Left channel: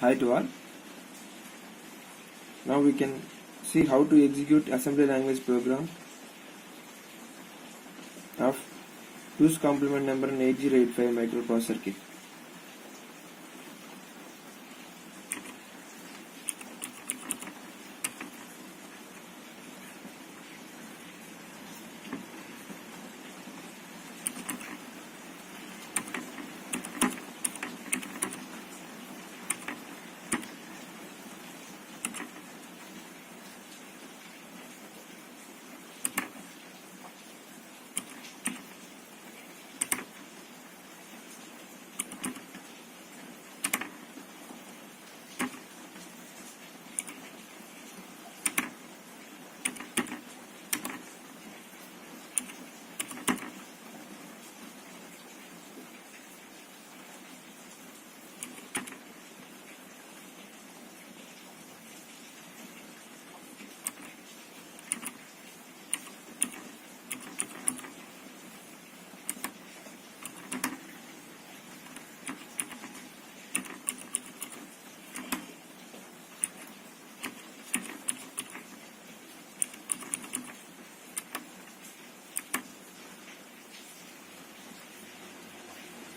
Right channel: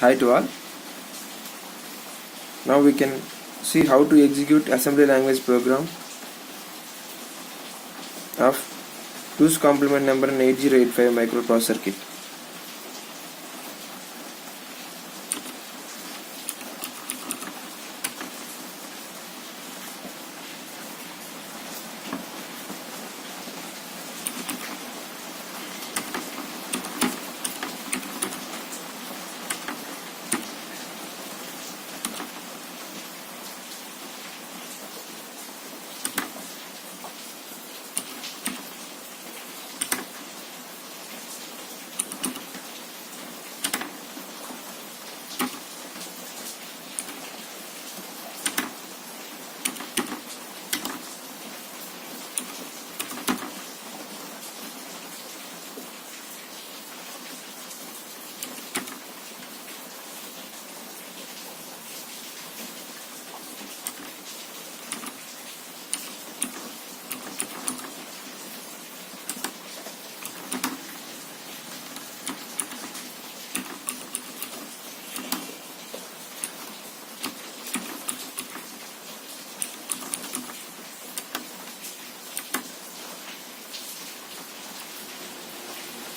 Hi to all. Now we can see how to execute assembly language program of 2's complement number and 8085 microprocessor kit.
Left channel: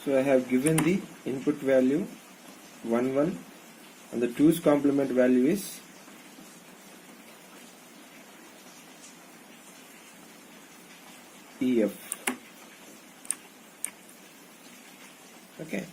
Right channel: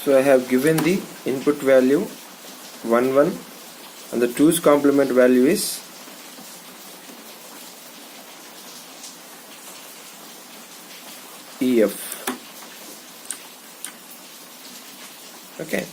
So I have given the input value 1 1 and the 2's complement value is EF. Okay.